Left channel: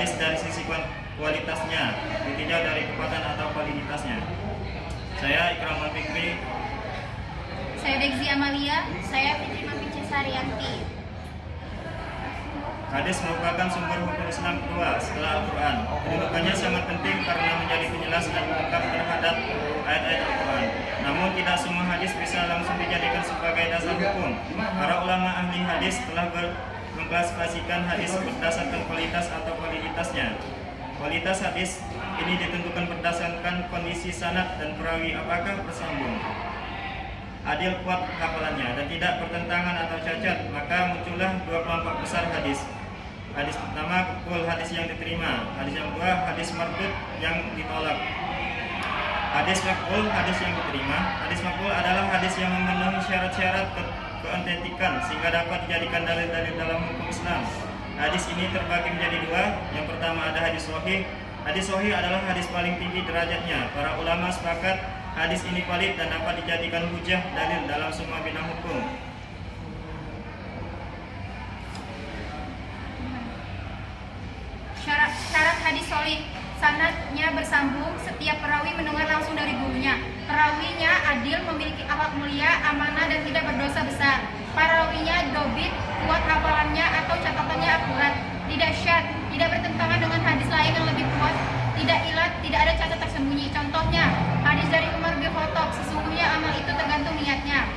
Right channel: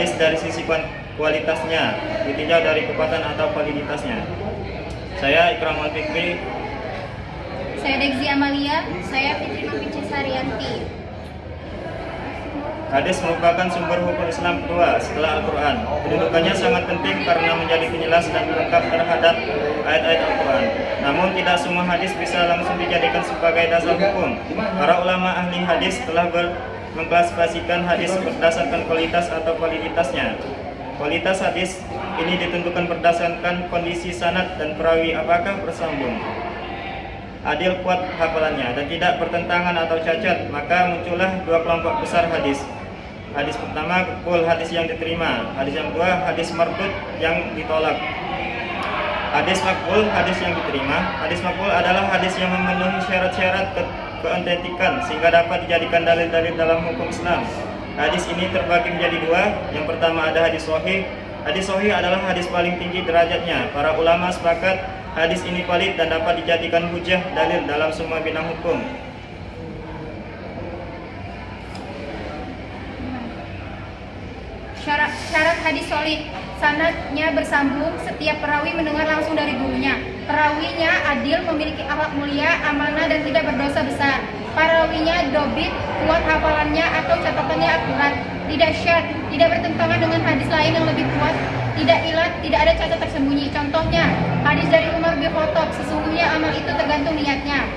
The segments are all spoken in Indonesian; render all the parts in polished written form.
hadis dari sisi kualitasnya, ditinjau dari kekuatan atau validitasnya. Saya Ikram Al-Fikri. Saya Degzi Amalia. Saya Fitri Novice Sarianti. Hadis merupakan sumber hukum Islam kedua setelah Al-Quran. Kedudukannya sangat penting karena menjadi penjelas dan pelengkap terhadap ayat-ayat Al-Quran. Namun tidak semua hadis bisa langsung dijadikan sebagai dasar hukum. Para ulama ahli hadis telah mengklasifikasikan hadis berdasarkan kualitas atau validitasnya. Kualitas hadis ini ditentukan berdasarkan kondisi sanad dan perawi apakah bersambung, adil kuat hafalannya, dan tidak bertentangan atau cacat. Maka muncullah dua kelompok besar hadis. Hadis pertama, maqbul, hadis yang diterima. Hadis yang kedua, hadis mardud, yang ditolak. Hadis maqbul, hadis yang diterima. Hadis maqbul adalah hadis yang memenuhi syarat-syarat keautentikan sehingga dapat dijadikan dalil-dalil dalam hukum Islam. Hadis ini terbagi menjadi dua. Yang pertama ada hadis sahih. Hadis sahih adalah hadis paling tinggi derajatnya. Para ulama sepakat hadis ini valid dan dapat dijadikan hujah dalil dalam semua bidang hukum. Syarat hadis solid, sanadnya bersambung, setiap perawi mendengar langsung dari gurunya. Perawinya adil, memiliki akhlak mulia, amanah dan tidak berdosa besar. Perawinya dobit, kuat hafalannya atau catatannya akurat. Tidak syad, tidak bertentangan dengan hadis lain yang lebih kuat. Tidak ilat, tidak ada cacat tersembunyi. Contohnya, hadis dari Umar bin Khattab, sesungguhnya amal itu tergantung niatnya.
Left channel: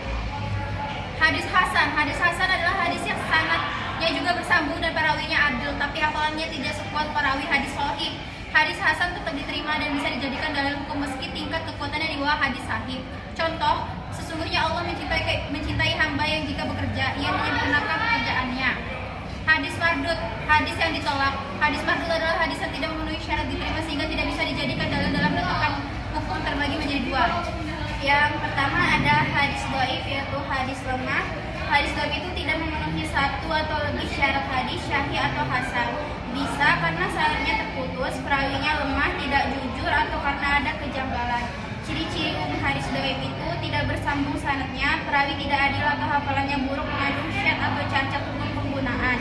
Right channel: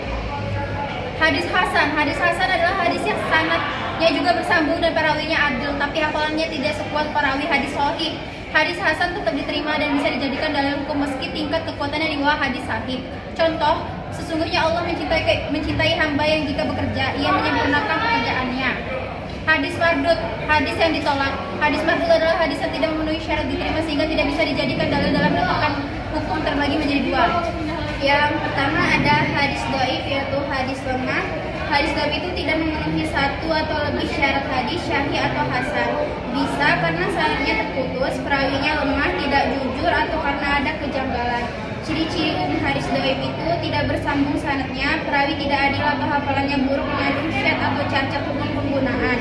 Hadis hasan adalah hadis yang sanadnya juga bersambung dan perawinya adil, tapi hafalannya tidak sekuat perawi hadis sahih. Hadis hasan tetap diterima dan bisa dijadikan dalil hukum meski tingkat kekuatannya di bawah hadis sahih. Contoh, sesungguhnya Allah mencintai hamba yang jika bekerja, ia menyempurnakan pekerjaannya. Hadis mardud, hadis yang ditolak. Hadis mardud adalah hadis yang tidak memenuhi syarat diterima sehingga tidak bisa dijadikan dalil dalam menetapkan hukum, terbagi menjadi dua. Yang pertama ada hadis dhaif, yaitu hadis lemah. Hadis dhaif itu tidak memenuhi satu atau lebih syarat hadis syahih atau hasan. Bisa karena sanadnya terputus, perawinya lemah, tidak jujur, atau karena ada kejanggalan. Ciri-ciri umum hadis dhaif itu tidak bersambung sanadnya, perawi tidak adil atau hafalannya buruk, mengandung syad atau cacat hukum penggunaan.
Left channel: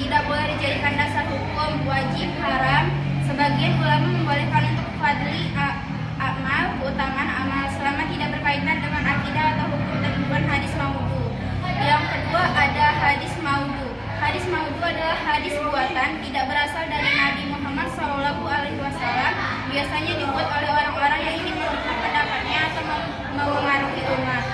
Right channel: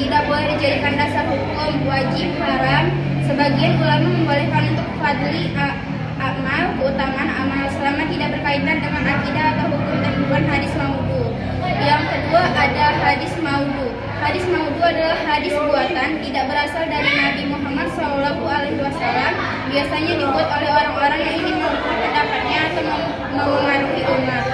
Tidak boleh dijadikan dasar hukum, wajib, haram. Sebagian ulama membolehkan untuk fadli amal, keutamaan amal, selama tidak berkaitan dengan akidah atau hukum dan bukan hadis maudhu. Yang kedua ada hadis maudhu. Hadis maudhu adalah hadis buatan, tidak berasal dari Nabi Muhammad SAW. Biasanya dibuat oleh orang-orang yang ingin mengukur pendapatnya atau memengaruhi umat.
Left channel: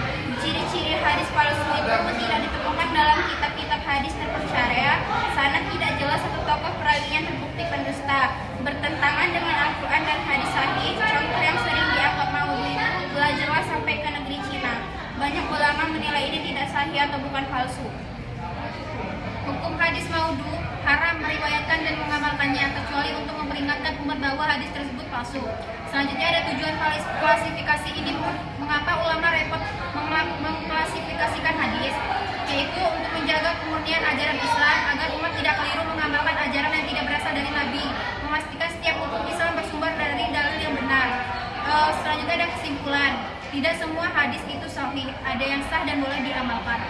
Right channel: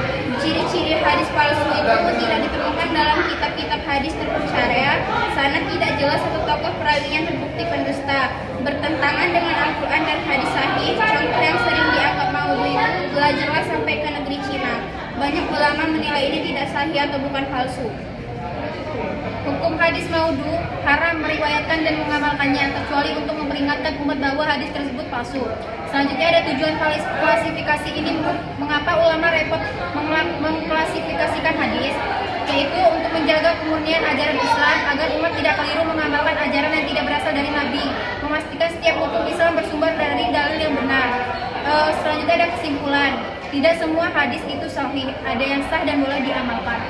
Ciri-ciri hadis palsu itu tidak ditemukan dalam kitab-kitab hadis terpercaya, sanad tidak jelas atau tokoh perawinya terbukti pendusta, bertentangan dengan Al-Quran dan hadis sahih. Contoh yang sering dianggap maudhu itu belajarlah sampai ke negeri Cina. Banyak ulama menilai ini tidak sahih atau bukan palsu. Hukum hadis maudhu, haram meriwayatkan dan mengamalkannya kecuali untuk memperingatkan umat bahwa hadis tersebut palsu. Selanjutnya ada tujuan klasifikasi ini. Mengapa ulama repot mengklasifikasikan hadis? Yaitu untuk menjaga kemurnian ajaran Islam agar umat tidak keliru mengamalkan ajaran yang tidak berasal dari Nabi, memastikan setiap hukum Islam bersumber dari dalil yang benar. Selanjutnya ada kesimpulan. Tidak semua hadis itu sahih, ada yang sah dan boleh diamalkan,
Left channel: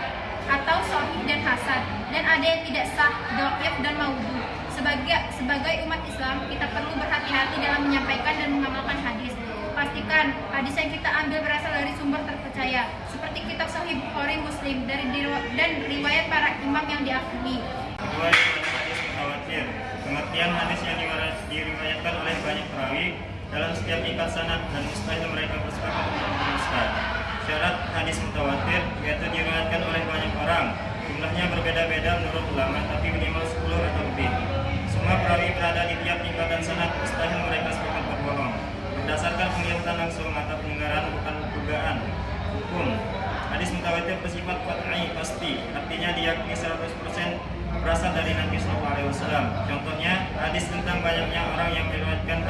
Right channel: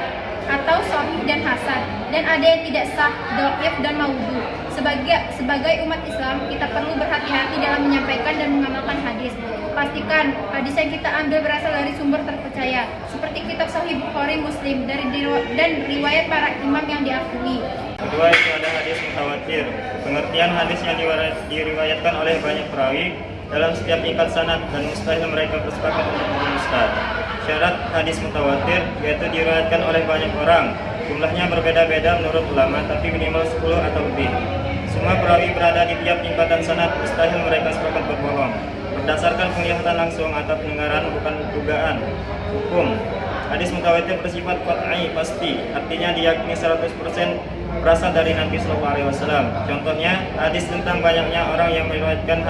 atau sahih dan hasan, dan ada yang tidak sah, dhaif dan maudhu. Sebagai umat Islam, kita perlu berhati-hati dalam menyampaikan dan mengamalkan hadis. Pastikan hadis yang kita ambil berasal dari sumber terpercaya, seperti kitab Sahih Bukhari, Muslim, dan riwayat para imam yang diakui. Kedua itu ada hadis mutawatir. Pengertian hadis yang diriwayatkan oleh banyak perawi dalam setiap tingkat sanad dan mustahil mereka bersepakat untuk merumuskan. Syarat hadis mutawatir yaitu diriwayatkan oleh banyak orang. Jumlahnya berbeda-beda menurut ulama, tapi minimal 10 atau lebih. Semua perawi berada di tiap tingkatan sanad, mustahil mereka sepakat berbohong. Berdasarkan penglihatan langsung atau pendengaran, bukan dugaan. Hukum hadis mutawatir bersifat qat'i, pasti, artinya diyakini 100% berasal dari Nabi SAW. Contohnya, hadis tentang banyaknya orang yang meriwayatkan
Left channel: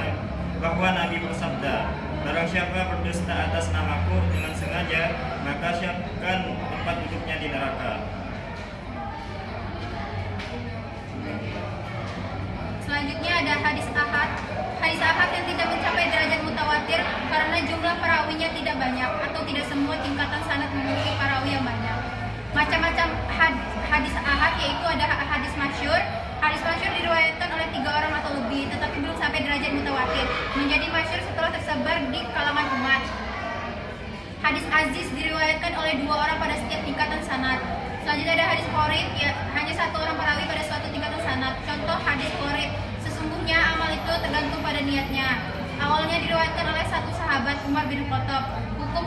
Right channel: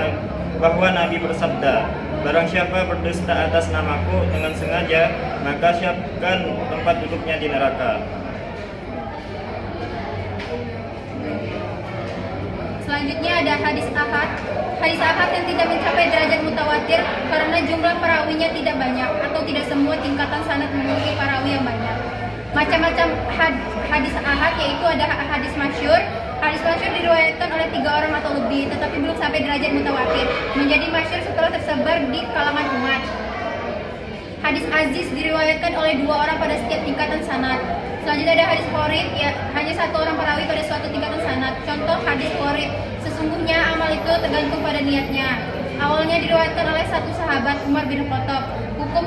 bahwa Nabi bersabda, barang siapa berdusta atas namaku dengan sengaja, maka siapkan tempat duduknya di neraka. Selanjutnya ada hadis ahad. Hadis ahad yang tidak mencapai derajat mutawatir karena jumlah perawinya tidak banyak atau tidak semua tingkatan sanad memiliki perawi yang banyak. Macam-macam hadis ahad, yaitu ada hadis masyhur. Hadis masyhur diriwayatkan oleh 3 orang atau lebih, tetapi belum sampai derajat mutawatir, menjadi masyhur setelah tersebar di kalangan umat. Hadis aziz diriwayatkan oleh 2 orang pada setiap tingkatan sanad. Selanjutnya ada hadis qorib, ya, hanya 1 orang perawi pada suatu tingkatan sanad. Contoh hadis qorib, sesungguhnya amal itu tergantung pada niatnya. Awalnya diriwayatkan oleh 1 sahabat, Umar bin Khattab. Hukum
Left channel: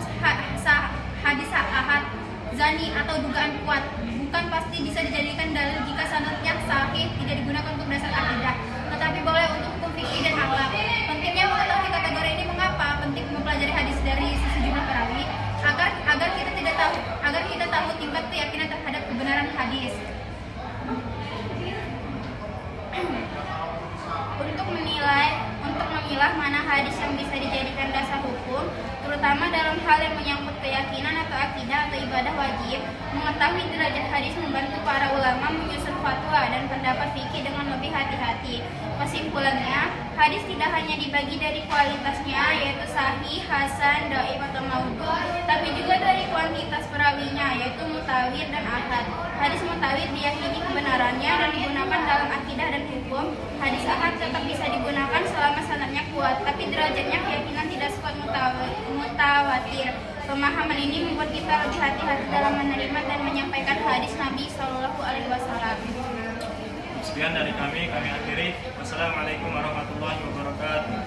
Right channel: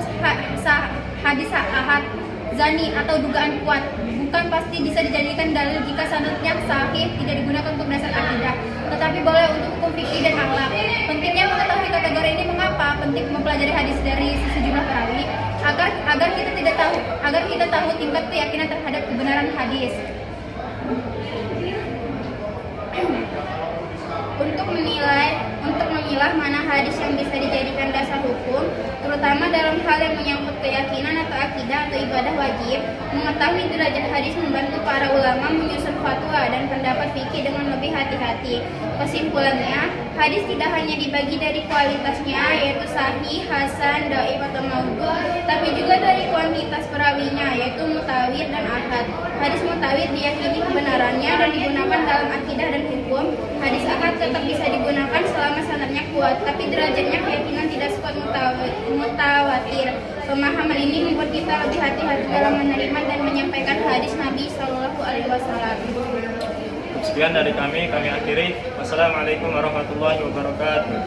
hadis ahad, zani atau dugaan kuat, bukan pasti bisa dijadikan dalil jika sanadnya sahih, tidak digunakan untuk dasar akidah, tetapi boleh untuk hukum fikih dan akhlak. Pentingnya mengetahui kategori ini. Mengapa penting mempelajari hadis dari sejumlah perawi? Agar kita tahu tingkat keyakinan terhadap kebenaran hadis. Untuk memilah mana hadis yang bisa dijadikan dasar hukum, terutama dalam hal yang menyangkut keyakinan atau akidah atau ibadah wajib. Mengetahui derajat hadis membantu para ulama menyusun fatwa dan pendapat fikih dengan lebih hati-hati. Kesimpulannya, hadis tidak hanya dibagi dari kualitasnya, yaitu sahih, hasan, dhaif atau maudhu, tapi juga dari kuantitas perawinya, yaitu mutawir dan ahad. Hadis mutawir diyakini kebenarannya dan digunakan dalam akidah dan hukum. Hadis ahad tetap bisa digunakan selama sanadnya kuat, tapi derajatnya keyakinan tidak sekuat mutawatir. Pemahaman ini membuat kita lebih hati-hati dalam menerima dan menyampaikan hadis Nabi Shallallahu Alaihi Wasallam. Sekian dari kami akhiri. Wassalamualaikum warahmatullahi wabarakatuh.